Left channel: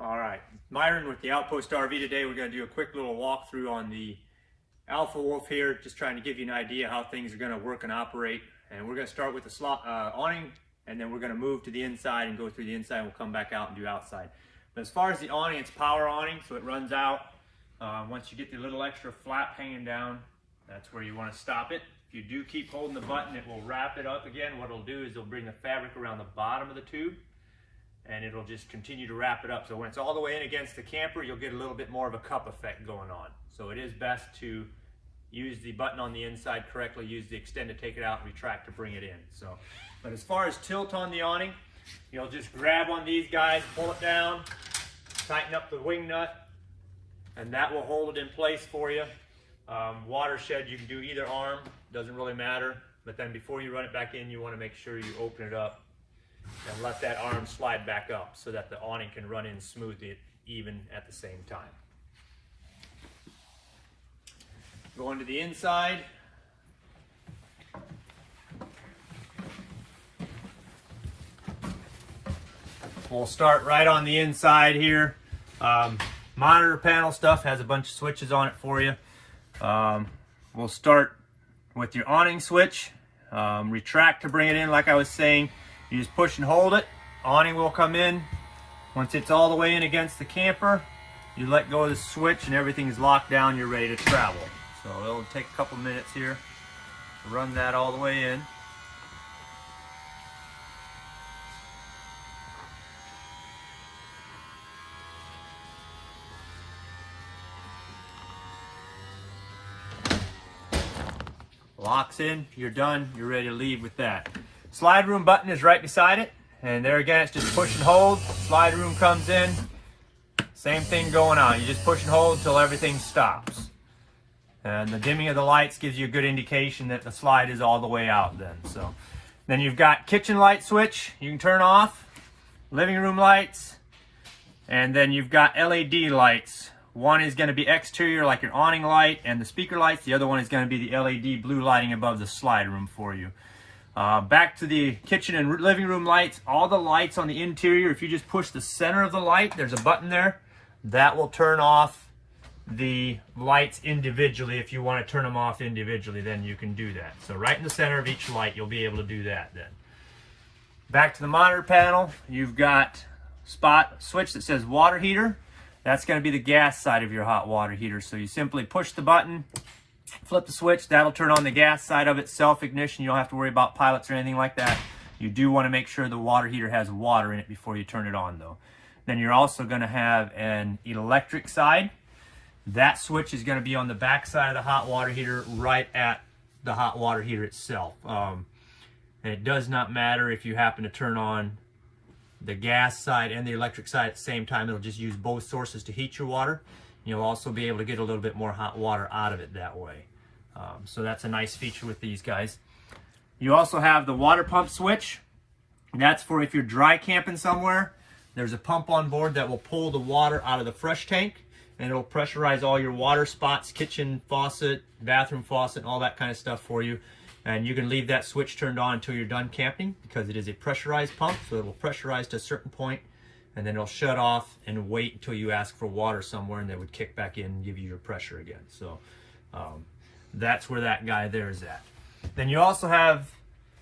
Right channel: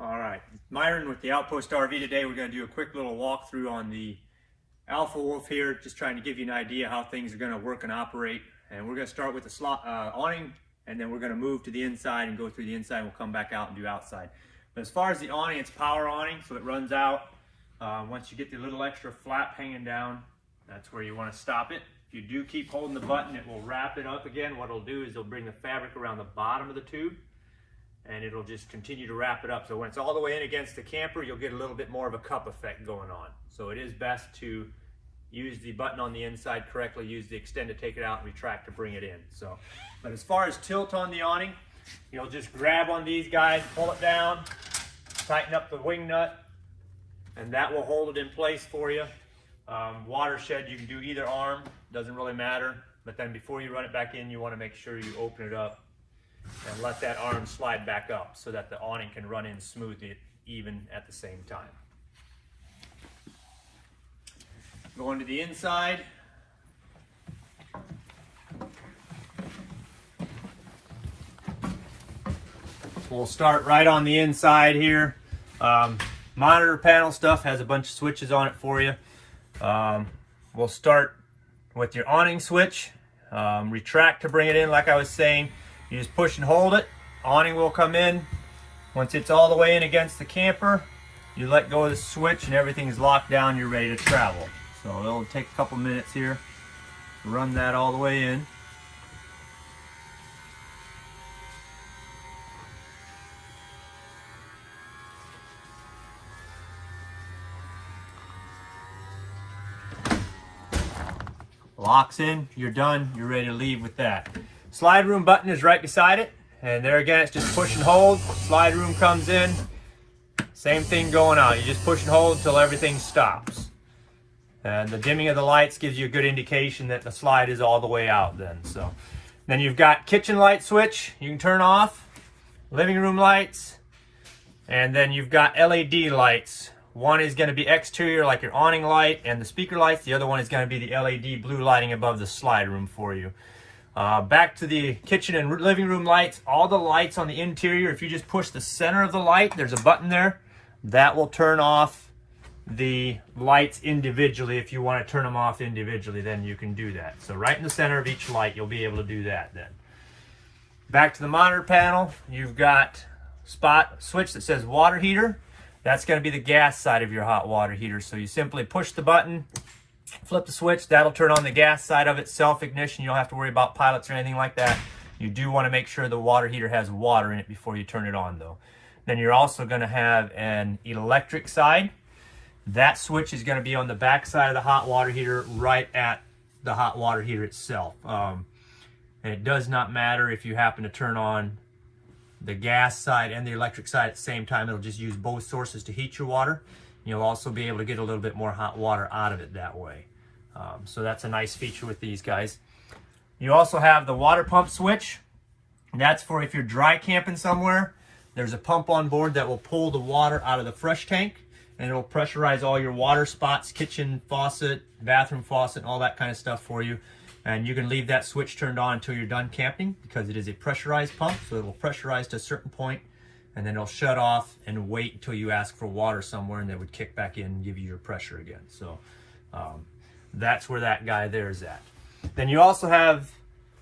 All right, Myron with the Outpost RV today. We're going to do a quick little walkthrough on the Alpha Wolf here, just trying to give you an idea how things are going to work and operate. And we're going to start with the awning, and then we're going to move to the inside and go through the inside, and we'll come back out and do outside. But as far as the awning, it's power awning, so it runs out. Once you get the little extra flap hanging down, that's where you want to stop it. If you do keep holding the button, it will wrap it up again. What it'll do is it'll bring the fabric around the bottom of the tube, and it'll just continue to wrap it up. So when it's all the way in against the camper, you'll get a little bit more of a cup effect going on. So it is best to use the button on the inside correctly, use the extend to take it out and retract to bring it in. So, but as far as tilt on the awning, you'll just grab on these guys, pull it down, tighten up the wing nut, and that will hold it in place for you. Watershed, you can do either arm, doesn't really matter. But then before you run it back in, you want to make sure you open it up and let that arm slide back up so that the awning can run in smoothly, even at the same time. Going to the inside. We'll start right on the inside here. Monitor panel stuff has a bunch of switches on it for you. We'll start with your awning switch. Retract to bring it in, like I was saying. You just push and hold it, awning will come in. Once it's all the way in against the camper, you let go of the switch and everything is locked down, you're ready to travel. So it'll take a couple minutes here to run that all the way in. Locks in, you're done, you're ready to leave with that. Slide room button is right beside it, and there again it's just push and hold. Slide room comes in, same thing going on. You just push and hold until everything stops. And the dimming of the lights gives you a good indication that the slide is all the way out then. So then you've got kitchen light switch you can turn off, living room lights, and then you've got LED lights. One is going to be exterior like your awning light and the speaker lights. The other one is going to be the LED blue lighting above the slide room for you. Back to the kitchen and living room lights. All the lights on the interior, if you just push the center of the light, there's a button there. That will turn off the lights individually. If you want to turn them off individually, then you can do that. So right in the center of each light, you'll be able to do that then. Back to the monitor panel, you've got spot switch that says water heater. That's going to be the gas side of your hot water heater. So you simply push the button, flip the switch, that'll turn on the gas side of it, self-ignition. You don't have to worry about pilots or anything like that. You do want to make sure the water heater has water in it before you turn it on though. Then you're also going to have an electric side. That switch is going to be on the back side of the hot water heater, right at the hot water heater itself. And it does not matter if you happen to turn on the gas side and the electric side at the same time. It'll just use both sources to heat your water. You'll also be able to get a little bit more hot water out of it that way. So that's a nice feature with these guys. You also have the water pump switch. That's for if you're dry camping somewhere. There's a pump on board that will pull the water out of the fresh tank, and it'll pressurize all your water spots, kitchen faucet, bathroom faucet, and all that kind of stuff for you. And you can leave that switch turned on until you're done camping because it is a pressurized pump, so it will pressurize to a certain point, and then it'll shut off and wait until you ask for water somewhere, and it would kick back in and give you your pressure again. So that's where that guy there is at. Then you also have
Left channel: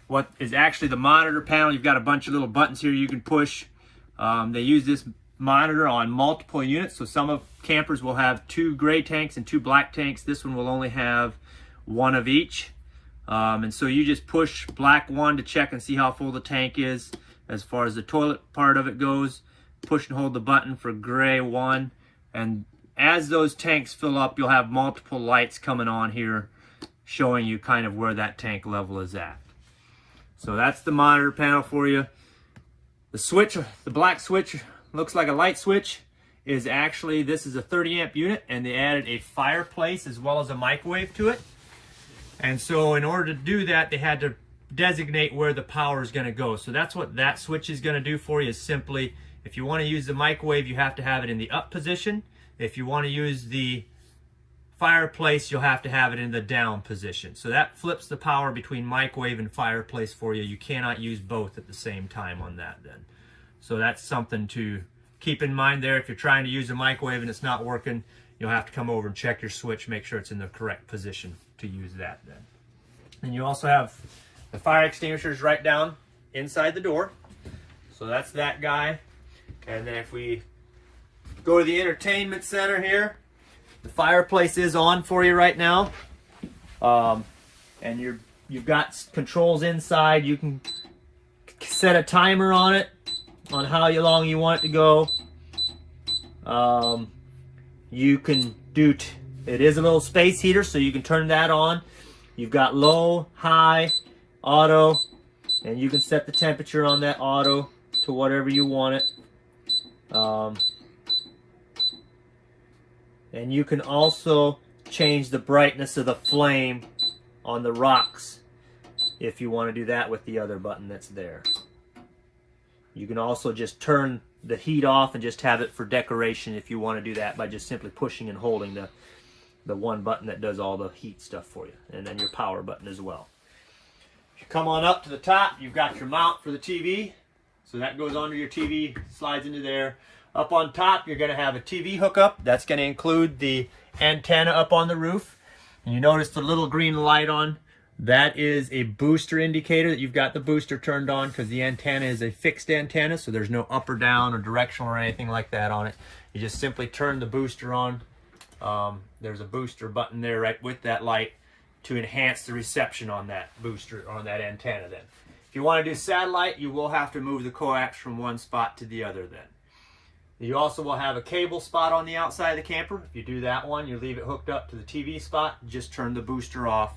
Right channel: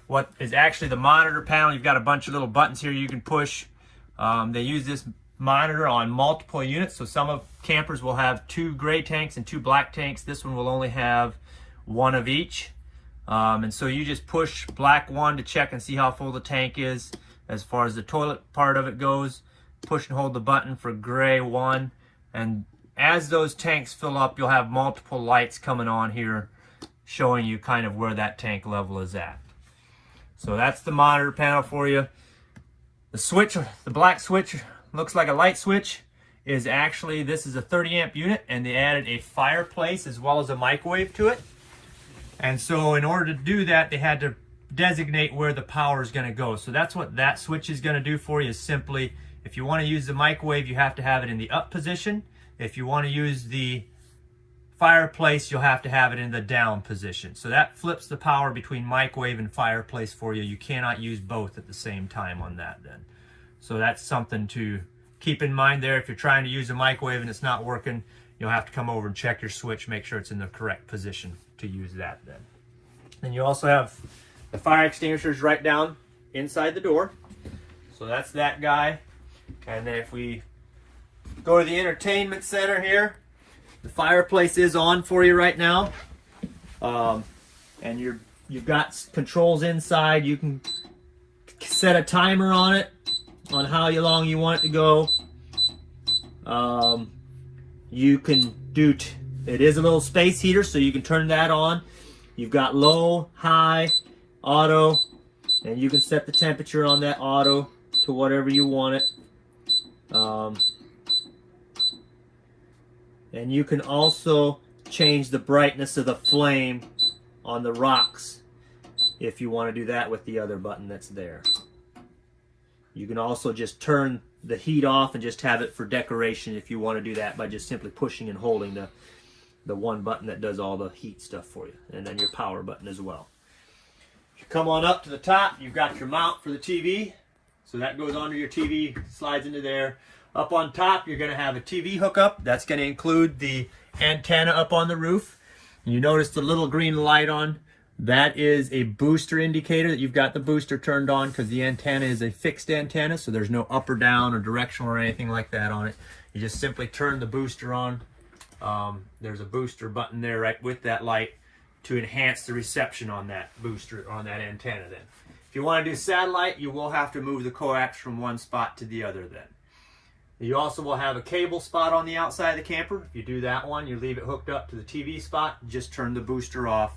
what is actually the monitor panel. You've got a bunch of little buttons here you can push. They use this monitor on multiple units, so some of campers will have 2 gray tanks and 2 black tanks. This one will only have 1 of each. And so you just push black 1 to check and see how full the tank is. As far as the toilet part of it goes, push and hold the button for gray 1. And as those tanks fill up, you'll have multiple lights coming on here showing you kind of where that tank level is at. So that's the monitor panel for you. The switch, the black switch, looks like a light switch, is actually, this is a 30 amp unit, and they added a fireplace as well as a microwave to it. And so in order to do that, they had to designate where the power is going to go. So that's what that switch is going to do for you, is simply, if you want to use the microwave, you have to have it in the up position. If you want to use the fireplace, you'll have to have it in the down position. So that flips the power between microwave and fireplace for you. You cannot use both at the same time on that then. So that's something to keep in mind there, if you're trying to use a microwave and it's not working, you'll have to come over and check your switch, make sure it's in the correct position to use that then. And you also have the fire extinguishers right down inside the door. So that's that guy. And then if we go to the entertainment center here, the fireplace is on for you right now. And you've got controls inside. You can set a timer on it, on how long you want it to go. You can do, it is a little space heater, so you can turn that on. You've got low, high, auto, and you can set the temperature on that auto to whatever you want it. And you can also change the brightness of the flame on the rocks if you want to do that with the other button that's there. You can also just turn the heat off and just have it for decoration if you want to do that by just simply pushing and holding the one button that does all the heat stuff for you, and then your power button as well. If you come on up to the top, you've got your mount for the TV. So that goes onto your TV, slides into there. Up on top, you're going to have a TV hookup. That's going to include the antenna up on the roof. And you notice the little green light on. That is a booster indicator that you've got the booster turned on, because the antenna is a fixed antenna, so there's no up or down or directional or anything like that on it. You just simply turn the booster on. There's a booster button there right with that light to enhance the reception on that booster, on that antenna then. If you want to do satellite, you will have to move the coax from one spot to the other then. You also will have a cable spot on the outside of the camper. If you do that one, you leave it hooked up to the TV spot, just turn the booster off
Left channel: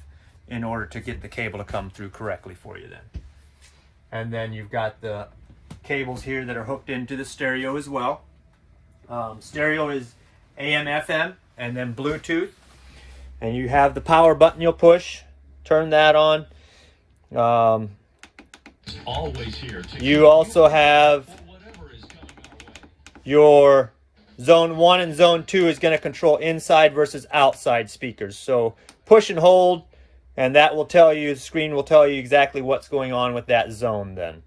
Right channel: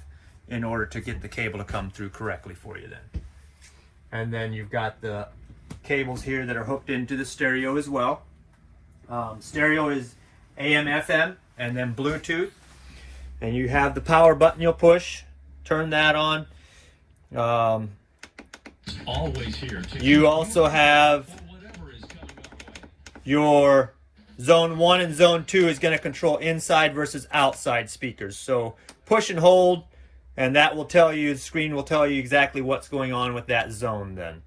in order to get the cable to come through correctly for you then. And then you've got the cables here that are hooked into the stereo as well. Stereo is AM, FM, and then Bluetooth. And you have the power button you'll push, turn that on. Always here. You also have your zone 1 and zone 2 is going to control inside versus outside speakers. So push and hold, and that will tell you, the screen will tell you exactly what's going on with that zone then.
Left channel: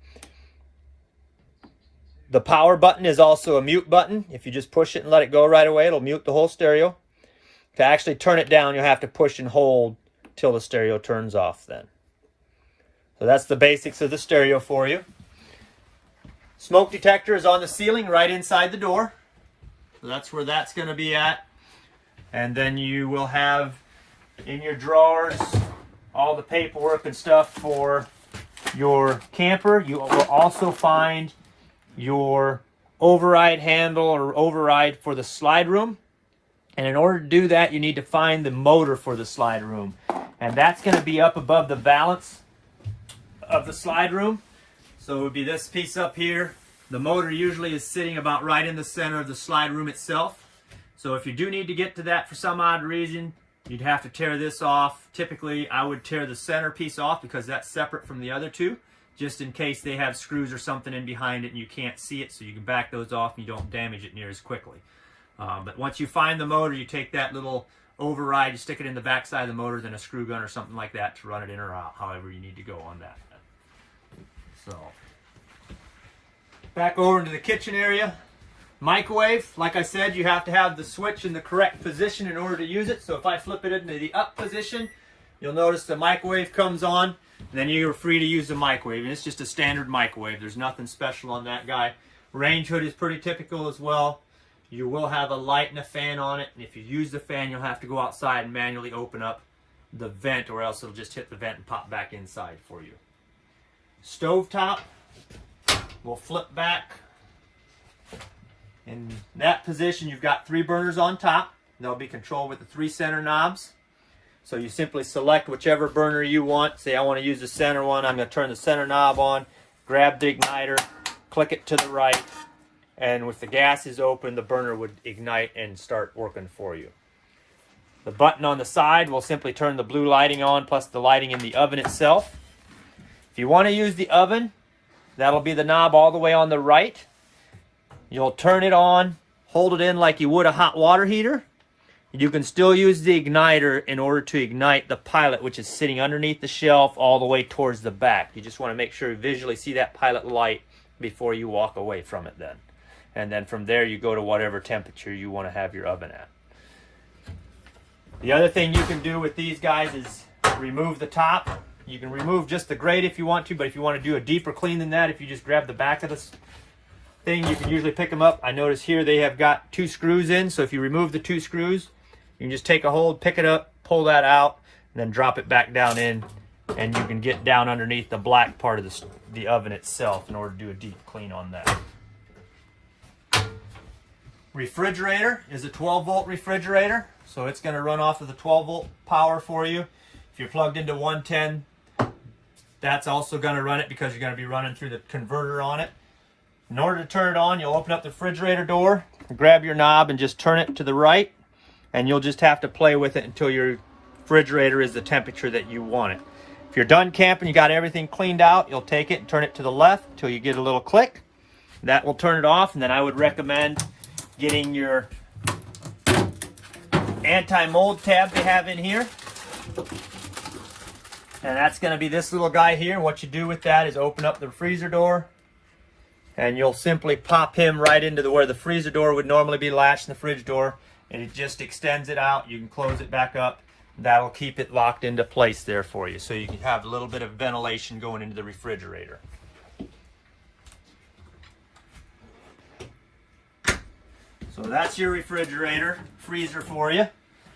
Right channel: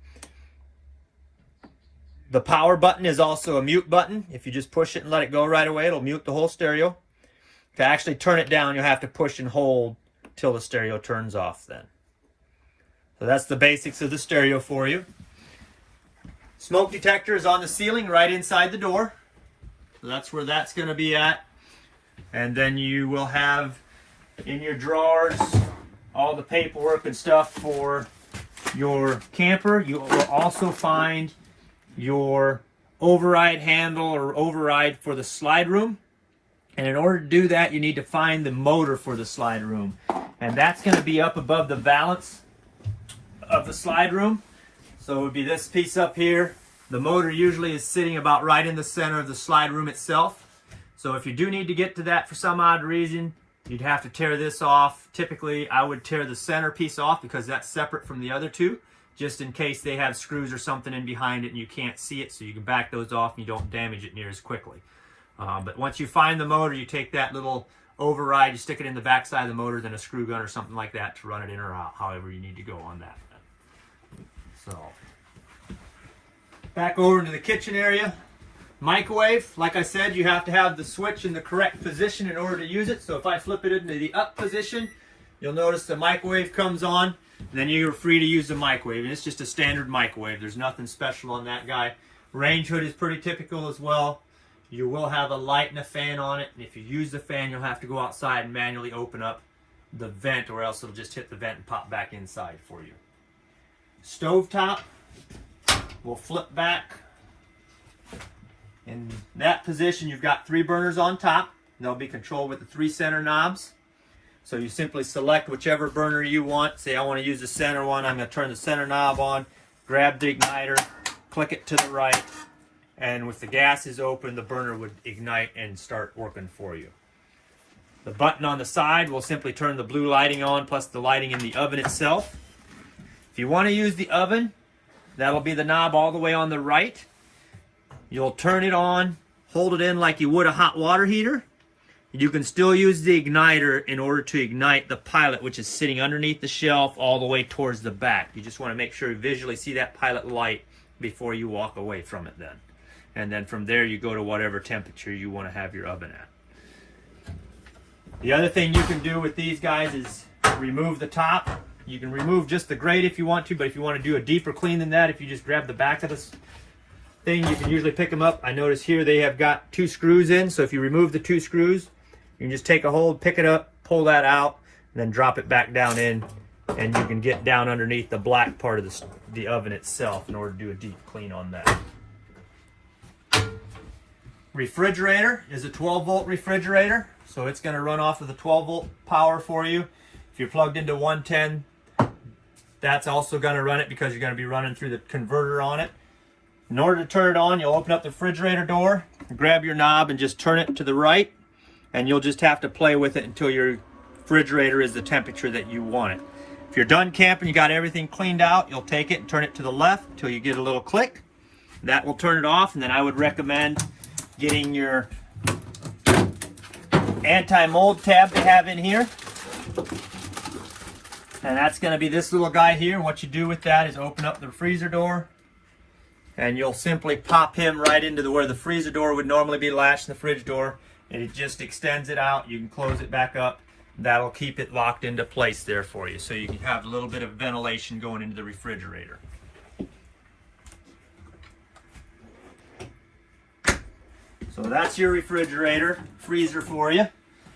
The power button is also a mute button. If you just push it and let it go right away, it'll mute the whole stereo. To actually turn it down, you'll have to push and hold till the stereo turns off then. So that's the basics of the stereo for you. Smoke detector is on the ceiling right inside the door. So that's where that's going to be at. And then you will have in your drawers all the paperwork and stuff for your camper. You will also find your override handle or override for the slide room. And in order to do that, you need to find the motor for the slide room. And that's going to be up above the valance of the slide room. So it would be this piece up here. The motor usually is sitting about right in the center of the slide room itself. So if you do need to get to that for some odd reason, you'd have to tear this off. Typically, I would tear the center piece off because that's separate from the other two, just in case they have screws or something in behind it and you can't see it, so you can back those off and you don't damage it near as quickly. But once you find the motor, you take that little override, you stick it in the back side of the motor, then a screw gun or something like that to run it in or out, however you need to go on that. So, back over into the kitchen area. Microwave, like I said, you have to have the switch in the correct position in order to use it. So if I flip it into the up position, you'll notice the microwave comes on, and then you're free to use the microwave. And it's just a standard microwave. There's nothing special on that guy. Range hood is pretty typical as well. You will have a light and a fan on it, and if you use the fan, you'll have to go outside and manually open up the vent, or else it'll just hit the vent and pop back inside for you. Stovetop will flip back. In that position, you've got 3 burners on top. They'll be controlled with the 3 center knobs. So you simply select whichever burner you want. Say I want to use the center one. I'm going to turn the center knob on, grab the igniter, click it to the right, and if the gas is open, the burner would ignite and start working for you. The button on the side will simply turn the blue lighting on, plus the lighting in the oven itself. If you want to use the oven, that'll be the knob all the way on the right. You'll turn it on, hold it in like you would a hot water heater. You can still use the igniter in order to ignite the pilot, which is sitting underneath the shelf all the way towards the back. You just want to make sure you visually see that pilot light before you walk away from it then. and then from there you go to whatever temperature you want to have your oven at. The other thing you can do with these guys is remove the top. You can remove just the grate if you want to, but if you want to do a deeper clean than that, if you just grab the back of this thing, you can usually pick them up. I notice here they have got 2 screws in, so if you remove the 2 screws, you can just take a hold, pick it up, pull that out, and then drop it back down in, and you can get down underneath the black part of the oven itself in order to do a deep clean on that. Refrigerator is a 12-volt refrigerator, so it's going to run off of the 12-volt power for you. If you're plugged into 110, that's also going to run it because you're going to be running through the converter on it. In order to turn it on, you'll open up the refrigerator door, grab your knob and just turn it to the right, and you'll just have to play with it until your refrigerator is the temperature that you want it. If you're done camping, you got everything cleaned out, you'll take it and turn it to the left until you get a little click. That will turn it off, and then I would recommend getting your anti-mold tab they have in here. And that's going to be this little guy here. What you do with that is open up the freezer door, and you'll simply pop him right into where the freezer door would normally be latched in the fridge door, and it just extends it out. You can close it back up. That'll keep it locked into place there for you, so you can have a little bit of ventilation going into the refrigerator. So that's your refrigerator freezer for you.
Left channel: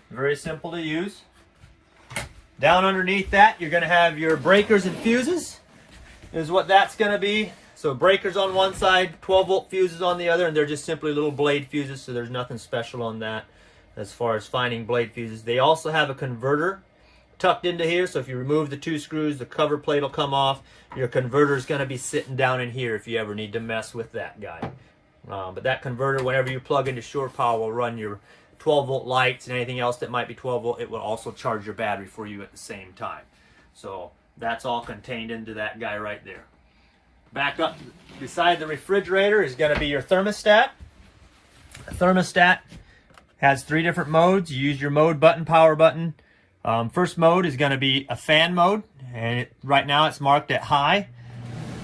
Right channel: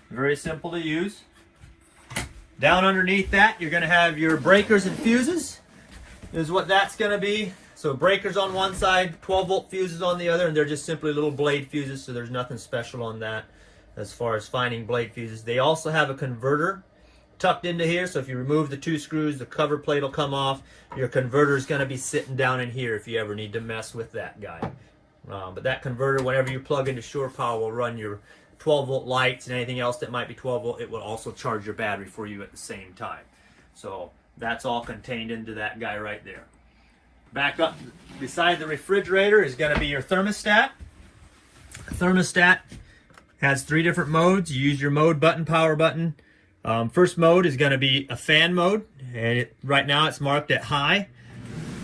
Very simple to use. Down underneath that, you're going to have your breakers and fuses, is what that's going to be. So breakers on one side, 12-volt fuses on the other, and they're just simply little blade fuses, so there's nothing special on that as far as finding blade fuses. They also have a converter tucked into here, so if you remove the 2 screws, the cover plate will come off. Your converter is going to be sitting down in here if you ever need to mess with that guy. But that converter, whenever you plug into shore power, will run your 12-volt lights and anything else that might be 12-volt. It will also charge your battery for you at the same time. So that's all contained into that guy right there. Back up beside the refrigerator is going to be your thermostat. The thermostat has 3 different modes. You use your mode button, power button. First mode is going to be a fan mode, and right now it's marked at high.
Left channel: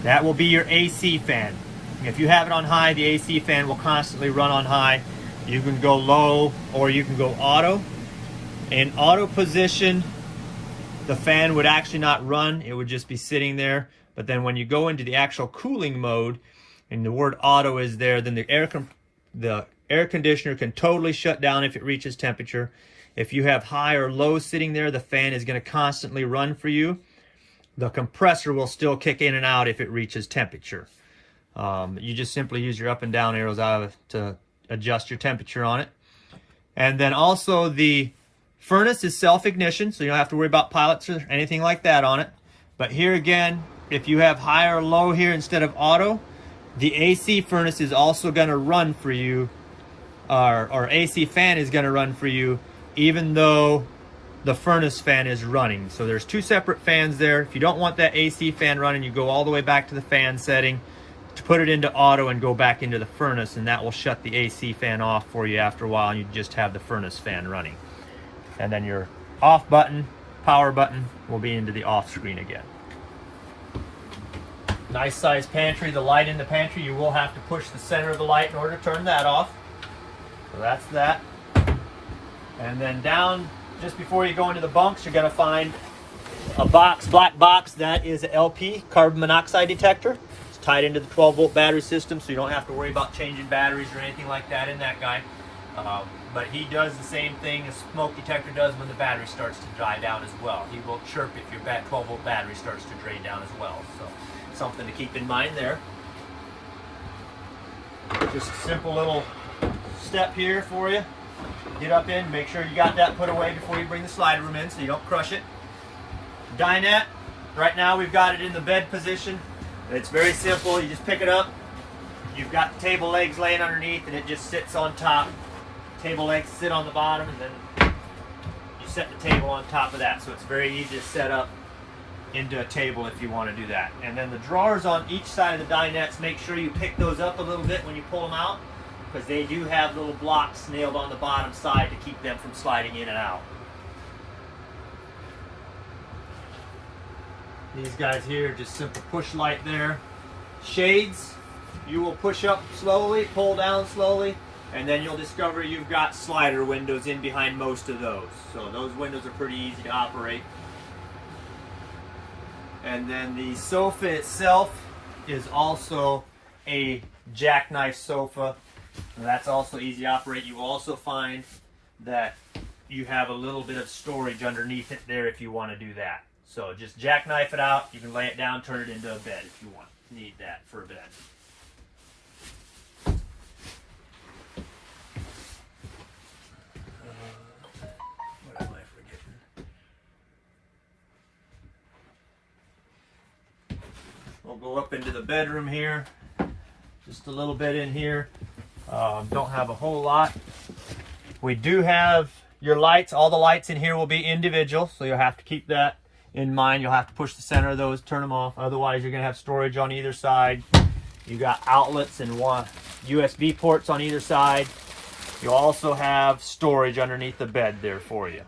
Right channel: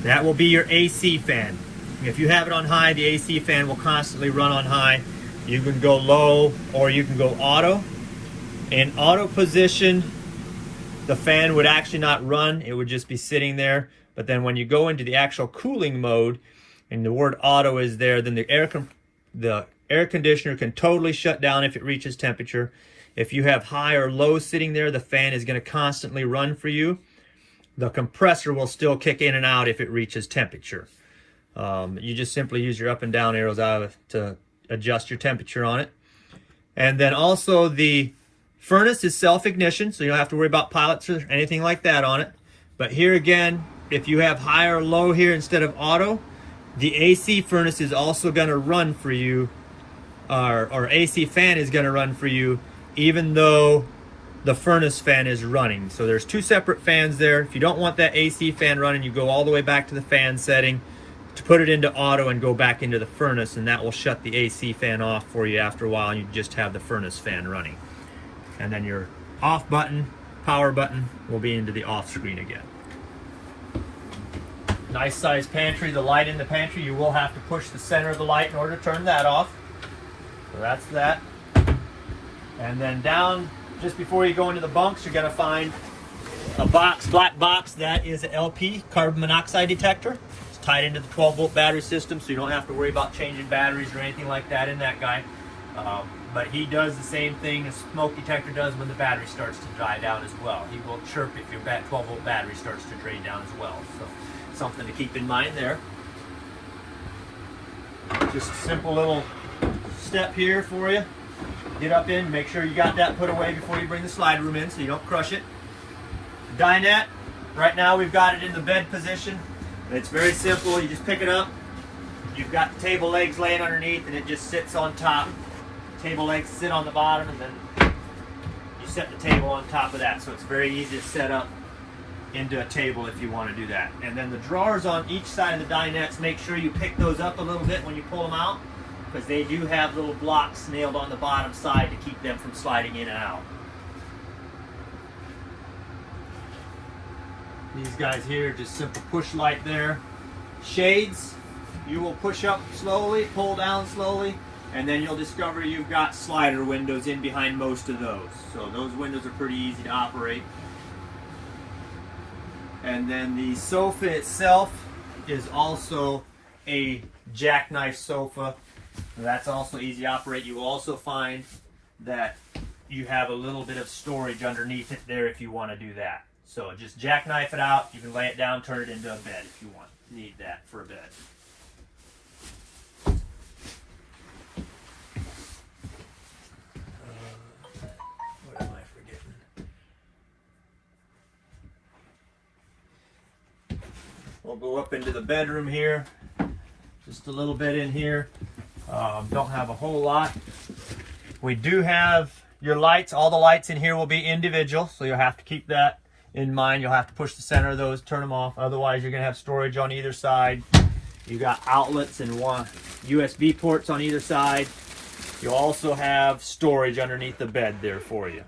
That will be your AC fan. If you have it on high, the AC fan will constantly run on high. You can go low or you can go auto. In auto position, the fan would actually not run. It would just be sitting there. But then when you go into the actual cooling mode, and the word auto is there, then the air conditioner can totally shut down if it reaches temperature. If you have high or low sitting there, the fan is going to constantly run for you. The compressor will still kick in and out if it reaches temperature. You just simply use your up and down arrows out to adjust your temperature on it. And then also the furnace is self-ignition, so you don't have to worry about pilots or anything like that on it. But here again, if you have high or low here instead of auto, the AC furnace is also going to run for you, or AC fan is going to run for you, even though the furnace fan is running. So there's 2 separate fans there. If you don't want that AC fan running, you go all the way back to the fan setting to put it into auto and go back into the furnace, and that will shut the AC fan off for you after a while, and you just have the furnace fan running. And then your off button, power button, will be into the off screen again. Nice size pantry. The light in the pantry, you will have to push the center of the light in order to turn that off. So that's that. And then down just before you go into the bunks, you're going to find a box, black box. That is an LP, carbon monoxide detector. It's tied into the 12-volt battery system, so you don't have to worry about changing batteries or anything like that in that guy. But he does the same thing a smoke detector does when the battery starts to dry down as well. He will chirp if your 12-volt battery starts to drain down as well. So something to keep in mind there. Just a simple little step here for you. Get up in, make sure you got that put away before you bring the slide room in so you don't crush it. Dinette, right now we've got it in the bed position. It's very simple. You just pick it up. You've got the table legs laying underneath and it just sits on top. Table legs sit on the bottom, and then you set the table on top of that. So it's very easy to set up into a table if you want to do that. And then the drawers on each side of the dinettes, make sure you pick those up a little bit when you pull them out, because they do have little blocks nailed on the bottom side to keep them from sliding in and out. These guys here, just simple push light there. Shades, you will push up slowly, pull down slowly, and then you'll discover you've got slider windows in behind most of those. So those windows are pretty easy to operate. And then the sofa itself is also a Jackknife Sofa. And that's also easy to operate. You will also find that you have a little bit of storage underneath it there if you want to do that. So just jackknife it out. You can lay it down, turn it into a bed if you need that for a bed. What am I forgetting? We'll go up into the bedroom here. Just a little bit in here. Don't have a whole lot. We do have your lights. All the lights in here will be individual, so you'll have to keep that in mind. You'll have to push the center of those, turn them off. Otherwise, you're going to have storage on either side. You got outlets and USB ports on either side. You'll also have storage underneath the bed there for you.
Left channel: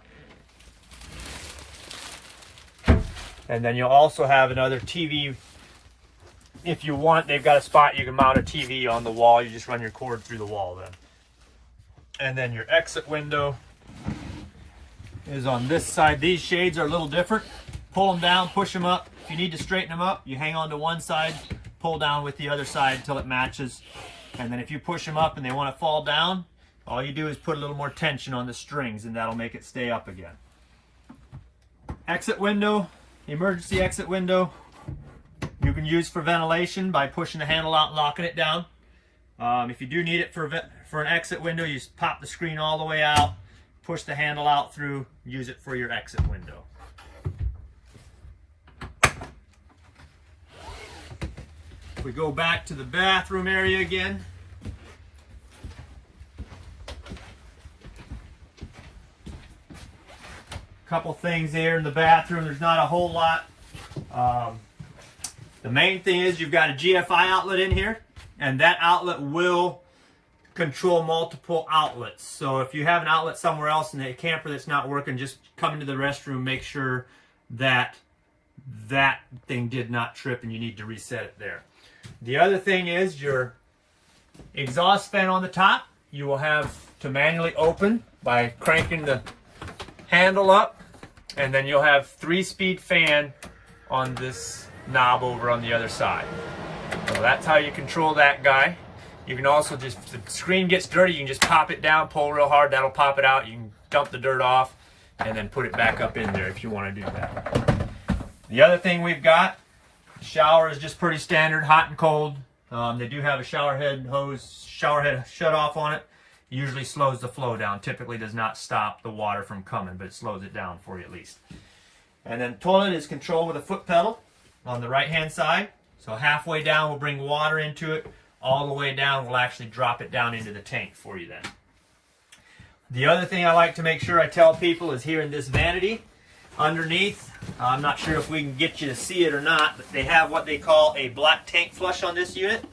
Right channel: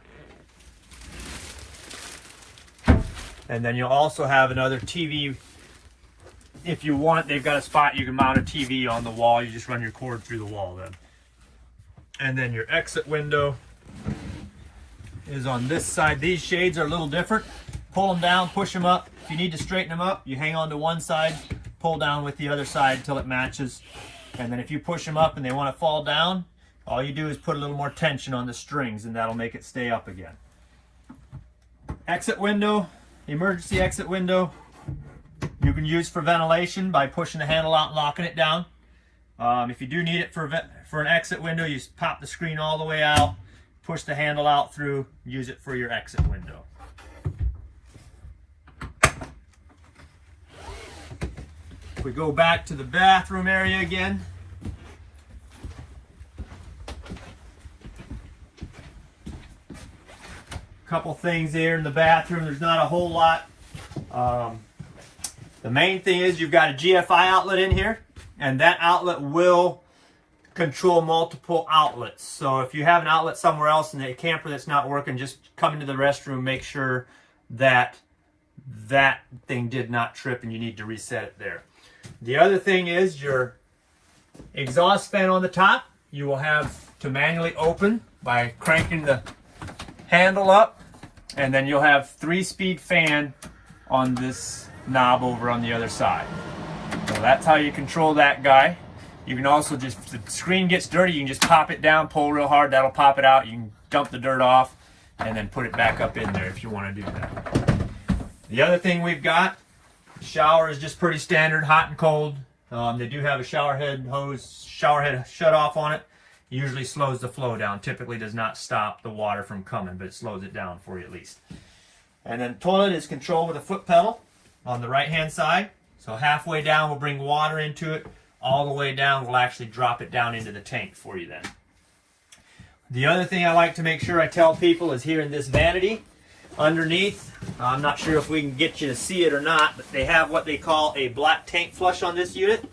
And then you'll also have another TV. If you want, they've got a spot you can mount a TV on the wall. You just run your cord through the wall then. And then your exit window is on this side. These shades are a little different. Pull them down, push them up. If you need to straighten them up, you hang on to one side, pull down with the other side until it matches. And then if you push them up and they want to fall down, all you do is put a little more tension on the strings and that'll make it stay up again. Exit window, emergency exit window. You can use for ventilation by pushing the handle out and locking it down. If you do need it for an exit window, you just pop the screen all the way out, push the handle out through, use it for your exit window. If we go back to the bathroom area again, couple things there in the bathroom. There's not a whole lot. The main thing is you've got a GFI outlet in here, and that outlet will control multiple outlets. So if you have an outlet somewhere else in the camper that's not working, just come into the restroom, make sure that that thing did not trip and you need to reset it there. The other thing is your exhaust fan on the top, you will have to manually open by cranking the handle up, and then you'll have 3-speed fan on this knob over on the other side. So that's how you control that guy. You can also just, if the screen gets dirty, you can just pop it down, pull real hard, that'll pop it out. You can dump the dirt off and then put it back up in there if you want to do that. The other thing we've got, the shower is just pretty standard, hot and cold. They do have a shower head hose, shower head shut off on it. Usually slows the flow down. Typically does not stop the water from coming, but it slows it down for you at least. And then toilet is controlled with a foot pedal on the right hand side. So halfway down will bring water into it. All the way down will actually drop it down into the tank for you then. The other thing I like to make sure I tell people is here in this vanity underneath, I'm not sure if we can get you to see it or not, but they have what they call a black tank flush on this unit.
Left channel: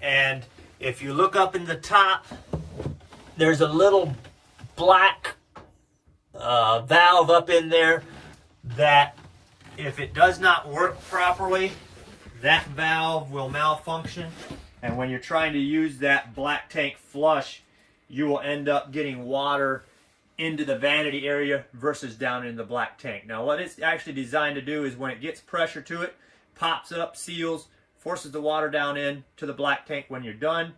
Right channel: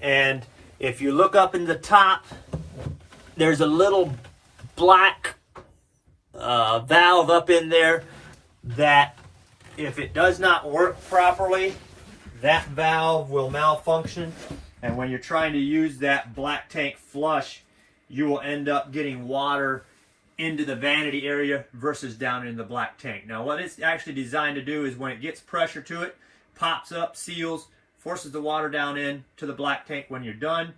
And if you look up in the top, there's a little black valve up in there that if it does not work properly, that valve will malfunction, and when you're trying to use that black tank flush, you will end up getting water into the vanity area versus down in the black tank. Now what it's actually designed to do is when it gets pressure to it, pops up, seals, forces the water down in to the black tank. When you're done,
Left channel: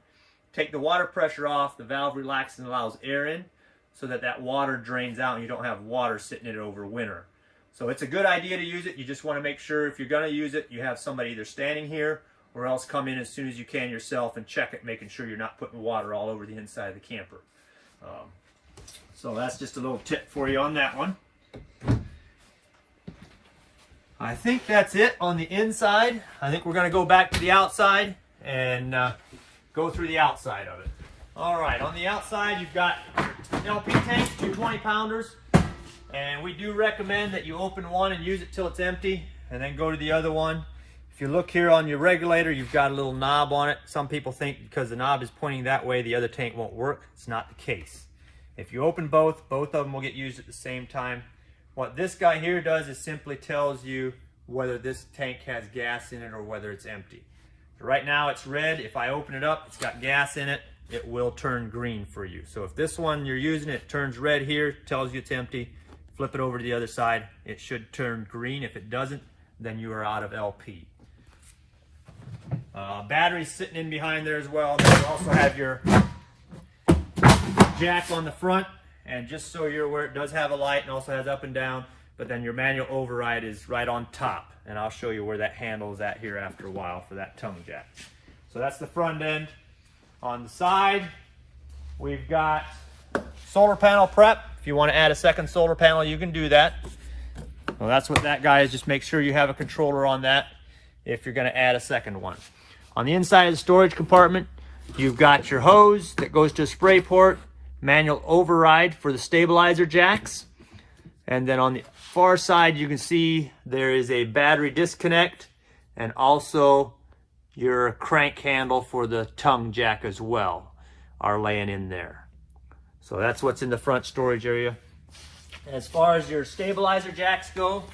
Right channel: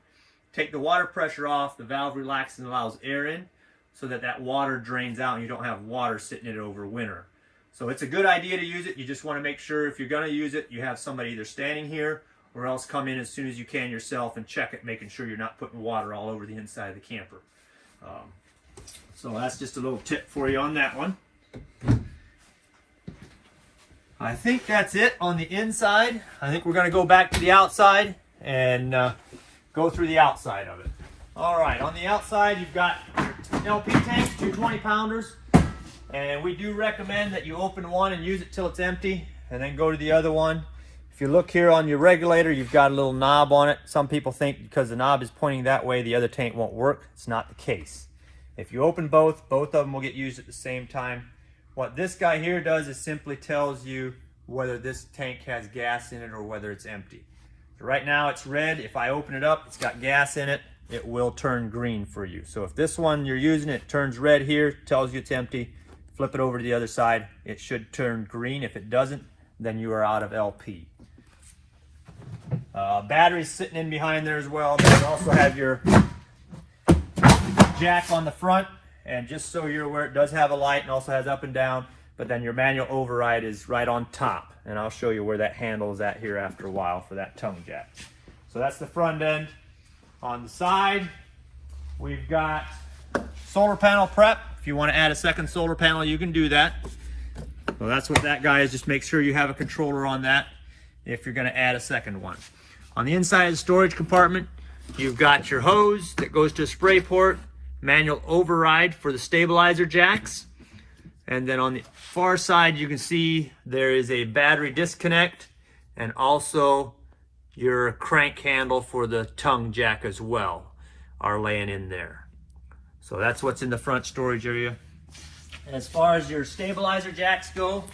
take the water pressure off, the valve relaxes and allows air in so that that water drains out and you don't have water sitting in it over winter. So it's a good idea to use it. You just want to make sure if you're going to use it, you have somebody either standing here or else come in as soon as you can yourself and check it, making sure you're not putting water all over the inside of the camper. So that's just a little tip for you on that one. I think that's it on the inside. I think we're going to go back to the outside and go through the outside of it. All right, on the outside you've got your LP tanks, 2 20-pounders. And we do recommend that you open one and use it till it's empty and then go to the other one. If you look here on your regulator, you've got a little knob on it. Some people think because the knob is pointing that way, the other tank won't work. It's not the case. If you open both of them will get used at the same time. What this guy here does is simply tells you whether this tank has gas in it or whether it's empty. So right now it's red. If I open it up, it's got gas in it, it will turn green for you. So if this one you're using, it turns red here, tells you it's empty, flip it over to the other side, it should turn green. If it doesn't, then you are out of LP. Batteries sitting in behind there as well. Then you also have your jack on the front, and just so you're aware, it does have a light and also has up and down, but then your manual override is right on top, and I'll show you where that handle is at here after a while for that tongue jack. So that's the front end. On the side, we've got solar panel prep. If you want to add a second solar panel, you can do that. Well, that's what that guy is. Just make sure you have a controller on that if you're going to add a second one. On the inside of the storage compartment, you've got your hose that goes to a spray port, manual override for the stabilizer jacks, and then on the far side you can see there is a battery disconnect and also your crank handle for the tongue jack as well are laying in there. So that's what's in the front storage area. And as far as your stabilizer jacks go,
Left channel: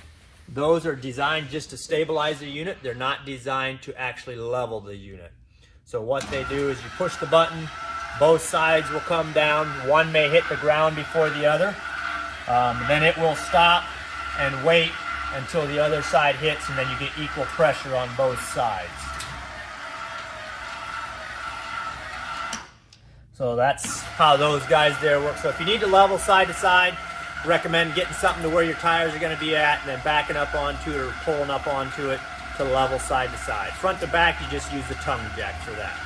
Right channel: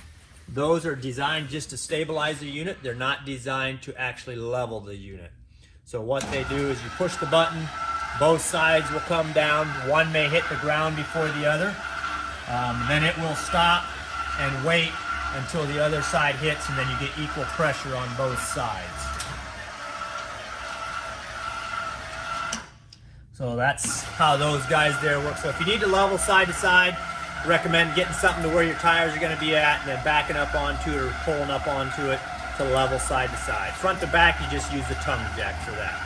those are designed just to stabilize the unit. They're not designed to actually level the unit. So what they do is you push the button, both sides will come down. One may hit the ground before the other. Then it will stop and wait until the other side hits, and then you get equal pressure on both sides. So that's how those guys there work. So if you need to level side to side, recommend getting something to where your tires are going to be at and then backing up onto it or pulling up onto it to level side to side. Front to back, you just use the tongue jack for that.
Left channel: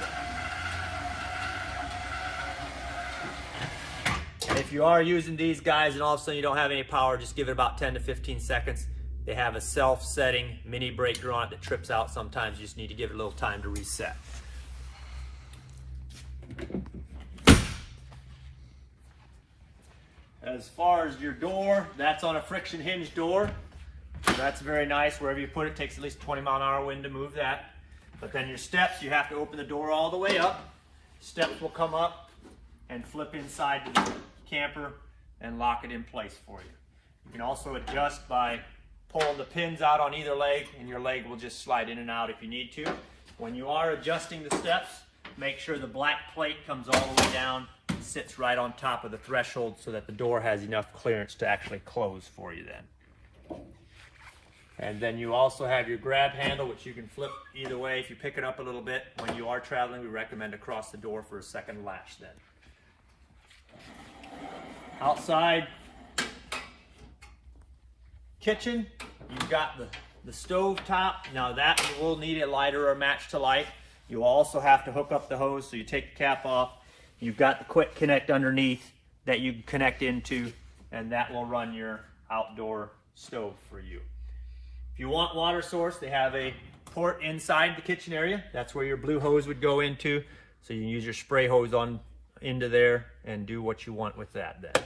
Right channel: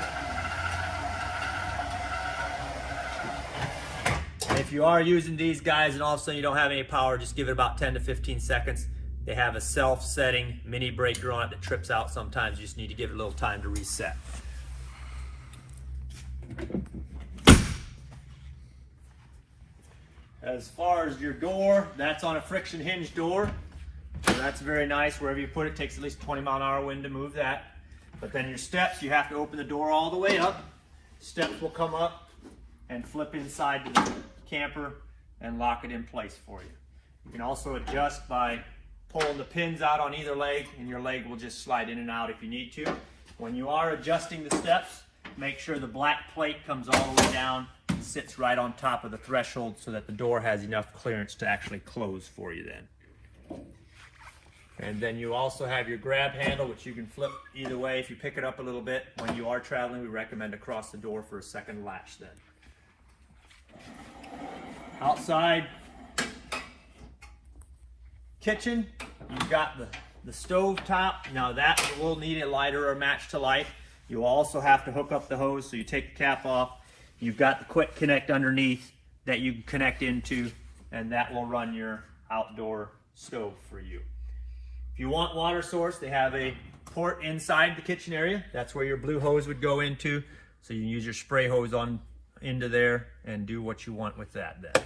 And if you are using these guys and all of a sudden you don't have any power, just give it about 10 to 15 seconds. They have a self-setting mini breaker on it that trips out sometimes. You just need to give it a little time to reset. As far as your door, that's on a friction hinge door. So that's very nice. Wherever you put it, takes at least 20-mile-an-hour wind to move that. But then your steps, you have to open the door all the way up. Steps will come up and flip inside to the camper and lock it in place for you. You can also adjust by pulling the pins out on either leg, and your leg will just slide in and out if you need to. When you are adjusting the steps, make sure the black plate comes all the way down, sits right on top of the threshold so that the door has enough clearance to actually close for you then. And then you also have your grab handle, which you can flip either way. If you pick it up a little bit when you are traveling, we recommend across the door for a second latch then. Outside kitchen, you've got the stove top. Now that will need a lighter or match to light. You also have to hook up the hose, so you take the cap off. You've got the quick connect underneath that you can connect into, and that will run your outdoor stove for you. If you want water source, they have a port inside the kitchen area. That's where your blue hose would go into. So you can use your spray hose on into there and do what you want with that then.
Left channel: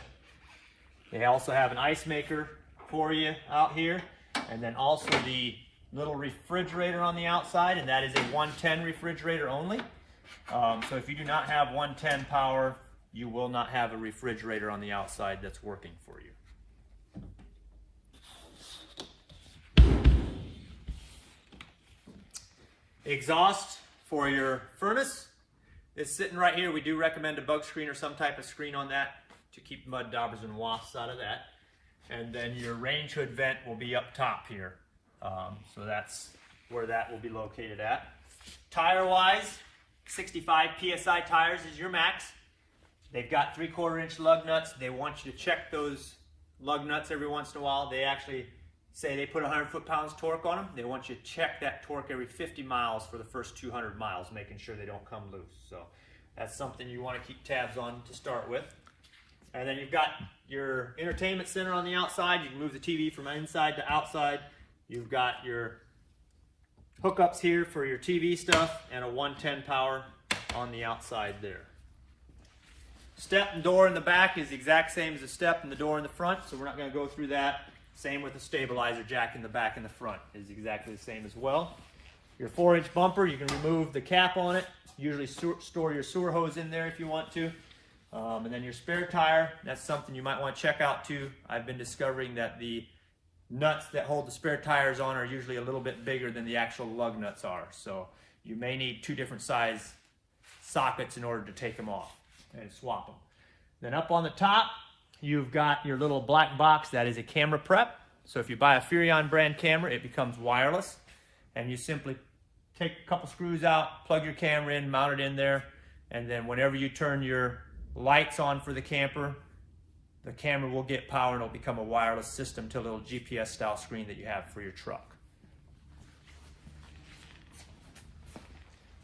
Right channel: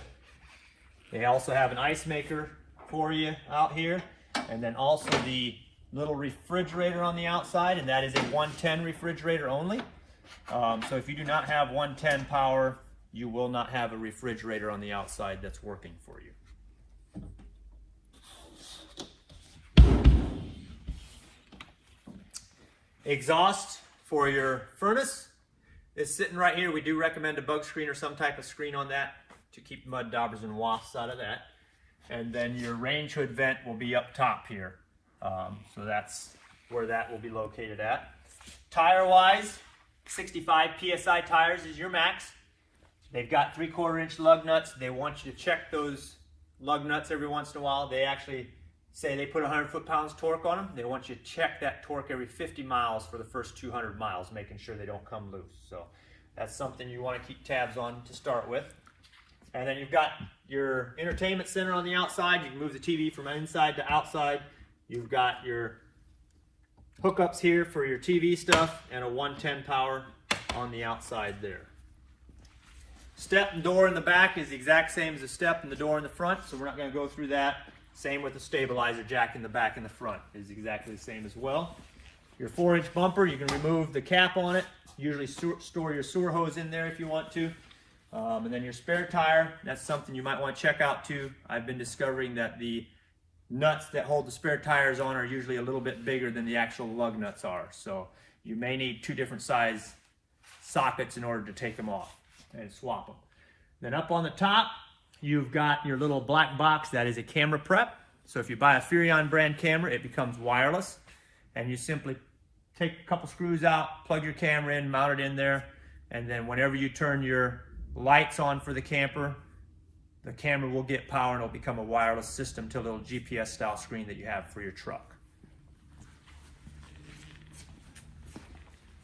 They also have an ice maker for you out here, and then also the little refrigerator on the outside, and that is a 110 refrigerator only. So if you do not have 110 power, you will not have a refrigerator on the outside that's working for you. Exhaust for your furnace is sitting right here. We do recommend a bug screen or some type of screen on that to keep mud daubers and wasps out of that. And then your range hood vent will be up top here. So that's where that will be located at. Tire-wise, 65 PSI tires is your max. They've got 3/4 inch lug nuts. They want you to check those lug nuts every once in a while. They actually say they put 100 foot-pounds torque on them. They want you to check that torque every 50 miles for the first 200 miles, making sure they don't come loose. So that's something you want to keep tabs on to start with. And then you've got your entertainment center on the outside. You can move the TV from inside to outside. You've got your hookups here for your TV stuff and a 110 power on the outside there. Step and door in the back is the exact same as the step and the door in the front, so we're not going to go through that. Same with the stabilizer jack in the back and the front is exactly the same as well. Your 4-inch bumper, you can remove the cap on it. Usually store your sewer hose in there if you want to. And then your spare tire, that's something you might want to check out too. I've been discovering that the nuts that hold the spare tires on are usually a little bit bigger than the actual lug nuts are. So you may need 2 different size sockets in order to take them off and swap them. Then up on the top, you've got your little black box that is a camera prep. So if you buy a Furrion brand camera, it becomes wireless, and you simply take a couple screws out, plug your camera in, mount it in there, and then whenever you turn your lights on for the camper, the camera will get power and it'll become a wireless system to a little GPS style screen that you have for your truck.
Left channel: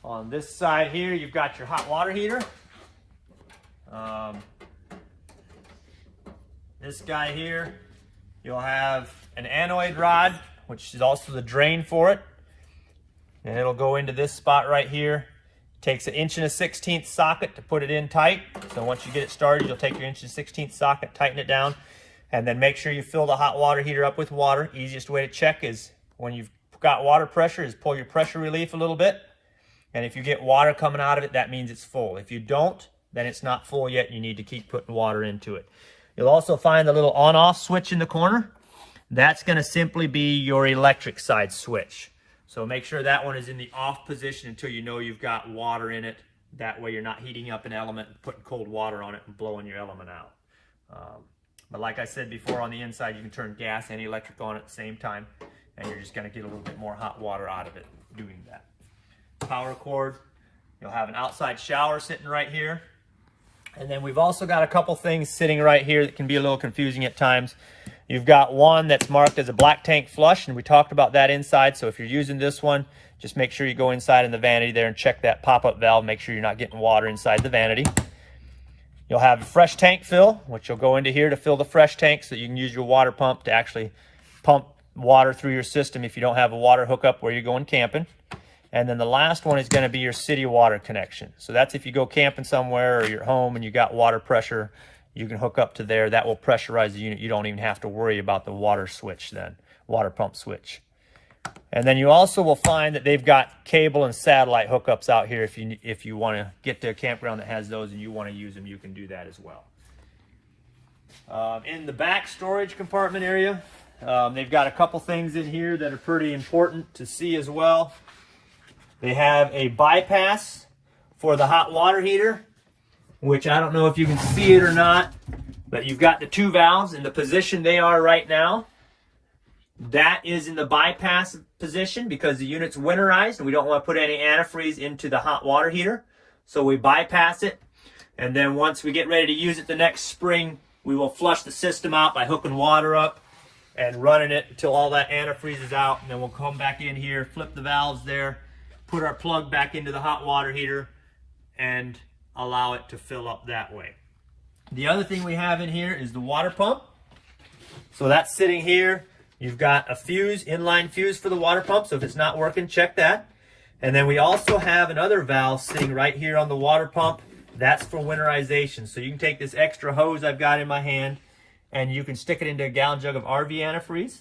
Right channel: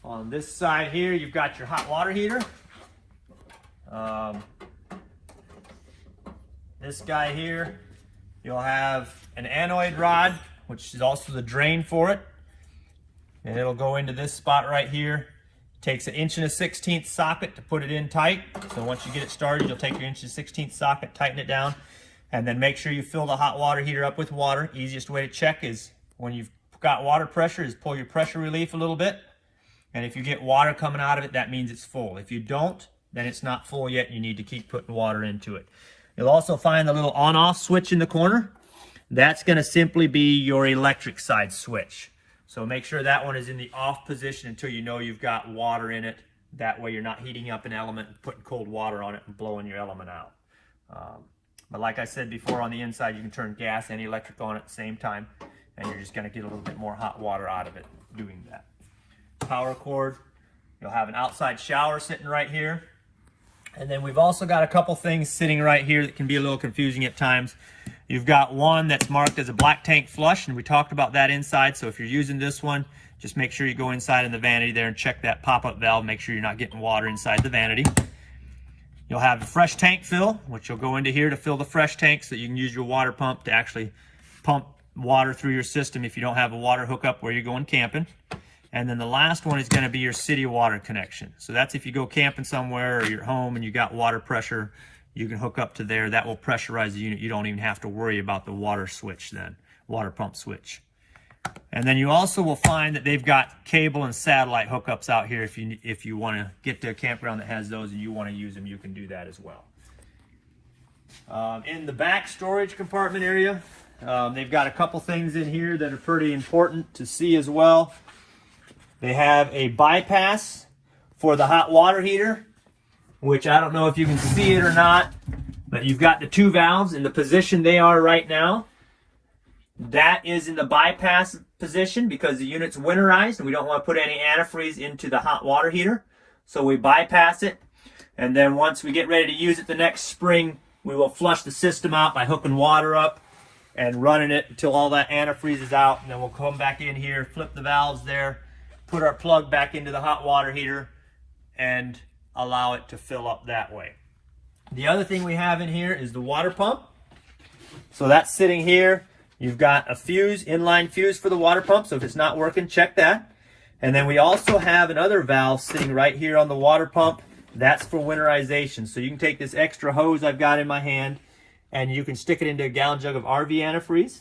On this side here, you've got your hot water heater. This guy here, you'll have an anoid rod, which is also the drain for it. And it'll go into this spot right here. Takes an 1 1/16 socket to put it in tight. So once you get it started, you'll take your 1 1/16 socket, tighten it down, and then make sure you fill the hot water heater up with water. Easiest way to check is when you've got water pressure is pull your pressure relief a little bit. And if you get water coming out of it, that means it's full. If you don't, then it's not full yet. You need to keep putting water into it. You'll also find the little on-off switch in the corner. That's going to simply be your electric side switch. So make sure that one is in the off position until you know you've got water in it. That way you're not heating up an element and putting cold water on it and blowing your element out. But like I said before, on the inside you can turn gas and electric on at the same time, and you're just going to get a little bit more hot water out of it doing that. Power cord, you'll have an outside shower sitting right here. And then we've also got a couple things sitting right here that can be a little confusing at times. You've got one that's marked as a black tank flush, and we talked about that inside. So if you're using this one, just make sure you go inside in the vanity there and check that pop-up valve. Make sure you're not getting water inside the vanity. You'll have a fresh tank fill, which will go into here to fill the fresh tank so you can use your water pump to actually pump water through your system if you don't have a water hookup where you're going camping. And then the last one is going to be your city water connection. So that's if you go camping somewhere or you're home and you got water pressure, you can hook up to there. That will pressurize the unit. You don't even have to worry about the water switch then, water pump switch. And then you also will find that they've got cable and satellite hookups out here. If you want to get to a campground that has those and you want to use them, you can do that as well. In the back storage compartment area, they've got a couple things in here that are pretty important to see as well. They have a bypass for the hot water heater, which I don't know if you can see it or not, but you've got the 2 valves in the position they are right now. That is in the bypass position because the unit's winterized and we don't want to put any antifreeze into the hot water heater. So we bypass it, and then once we get ready to use it the next spring, we will flush the system out by hooking water up and running it until all that antifreeze is out, and then we'll come back in here, flip the valves there, put our plug back into the hot water heater, and allow it to fill up that way. The other thing we have in here is the water pump. So that's sitting here. You've got a fuse, inline fuse for the water pump, so if it's not working, check that. And then we also have another valve sitting right here on the water pump. That's for winterization. So you can take this extra hose I've got in my hand and you can stick it into a gallon jug of RV antifreeze.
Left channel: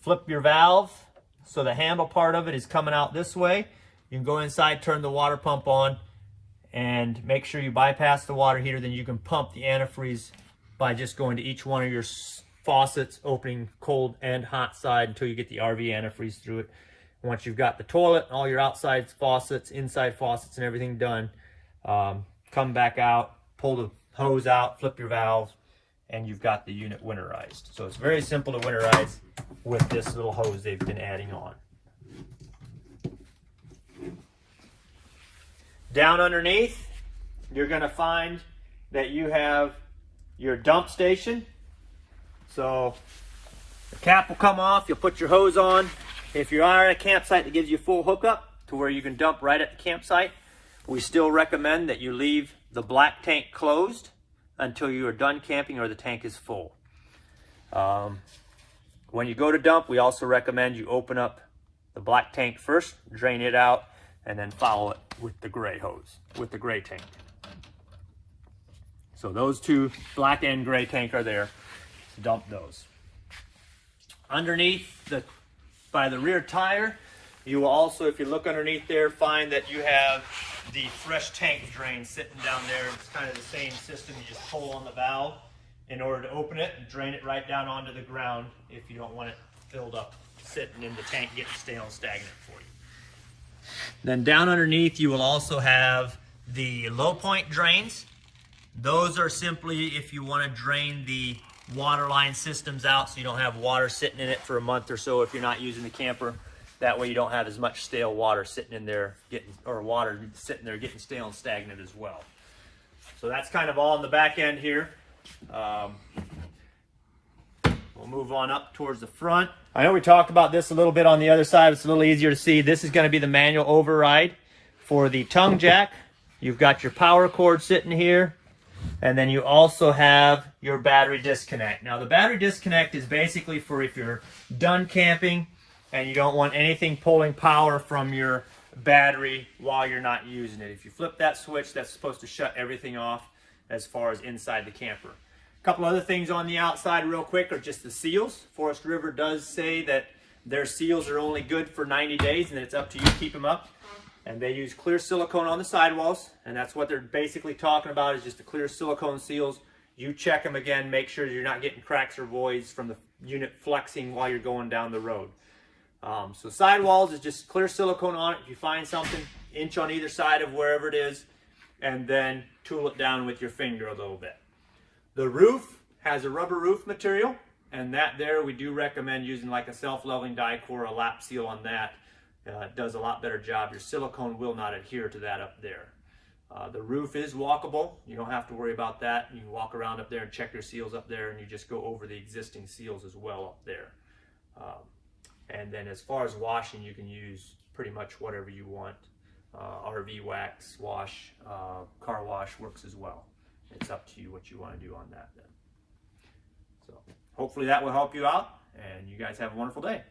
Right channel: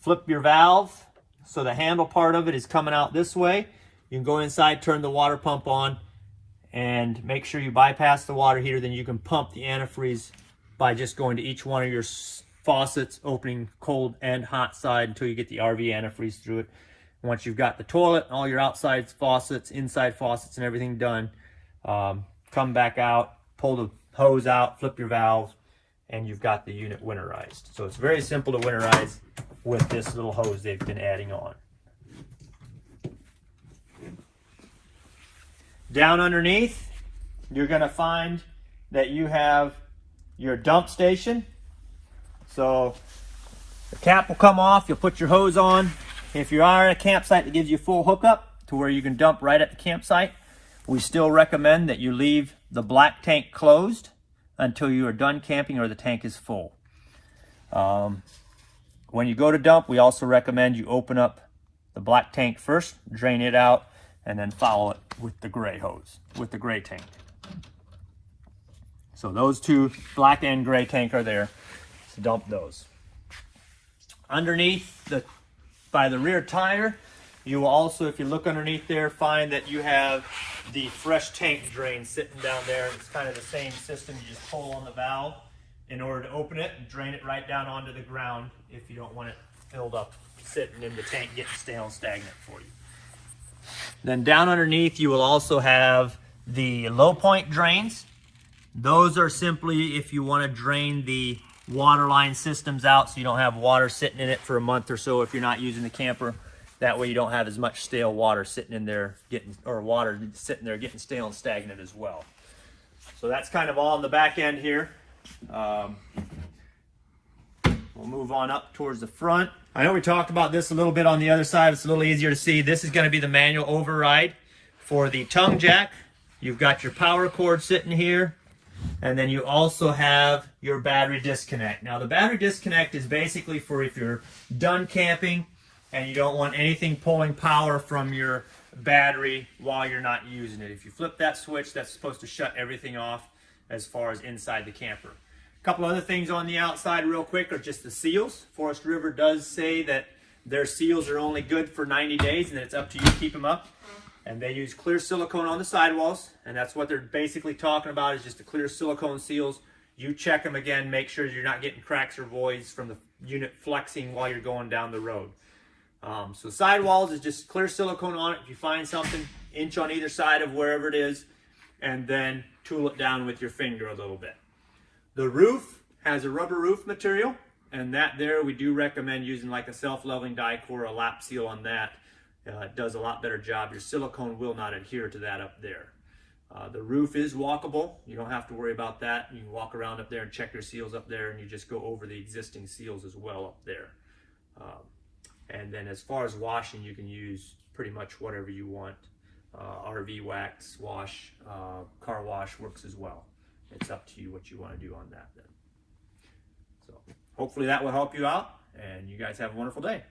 Flip your valve so the handle part of it is coming out this way. You can go inside, turn the water pump on, and make sure you bypass the water heater. Then you can pump the antifreeze by just going to each one of your faucets, opening cold and hot side until you get the RV antifreeze through it. Once you've got the toilet, all your outside faucets, inside faucets, and everything done, come back out, pull the hose out, flip your valve, and you've got the unit winterized. So it's very simple to winterize with this little hose they've been adding on. Down underneath, you're going to find that you have your dump station. So the cap will come off, you'll put your hose on. If you are at a campsite that gives you full hookup to where you can dump right at the campsite, we still recommend that you leave the black tank closed until you are done camping or the tank is full. When you go to dump, we also recommend you open up the black tank first, drain it out, and then follow it with the gray hose, with the gray tank. So those 2, black and gray tank, are there. So dump those. Underneath, by the rear tire, you will also, if you look underneath there, find that you have the fresh tank drain sitting down there. It's kind of the same system. You just pull on the valve in order to open it and drain it right down onto the ground if you don't want it filled up, sitting in the tank, getting stale and stagnant for you. Then down underneath you will also have the low point drains. Those are simply if you want to drain the water line systems out so you don't have water sitting in it for a month or so if you're not using the camper. That way you don't have as much stale water sitting in there water sitting there getting stale and stagnant as well. So that's kind of all on the back end here. We'll move on up towards the front. I know we talked about this a little bit on the other side. It's a little easier to see. This is going to be the manual override for the tongue jack. You've got your power cord sitting here. And then you also have your battery disconnect. Now the battery disconnect is basically for if you're done camping and you don't want anything pulling power from your battery while you're not using it. If you flip that switch, that's supposed to shut everything off as far as inside the camper. A couple other things on the outside real quick are just the seals. Forest River does say that their seals are only good for 90 days and it's up to you to keep them up. And they use clear silicone on the sidewalls, and that's what they're basically talking about, is just the clear silicone seals. You check them again, make sure you're not getting cracks or voids from the unit flexing while you're going down the road. So sidewalls is just clear silicone on it. If you find something, inch on either side of wherever it is, and then tool it down with your finger a little bit. The roof has a rubber roof material, and that there we do recommend using like a self-leveling die core, a lap seal on that. It does a lot better job. Your silicone will not adhere to that up there. The roof is walkable. You don't have to worry about that. You can walk around up there and check your seals up there, and you just go over the existing seals as well up there. And then as far as washing, you can use pretty much whatever you want. RV wax, wash, car wash works as well. It's up to you what you want to do on that then. So hopefully that will help you out, and you guys have a wonderful day.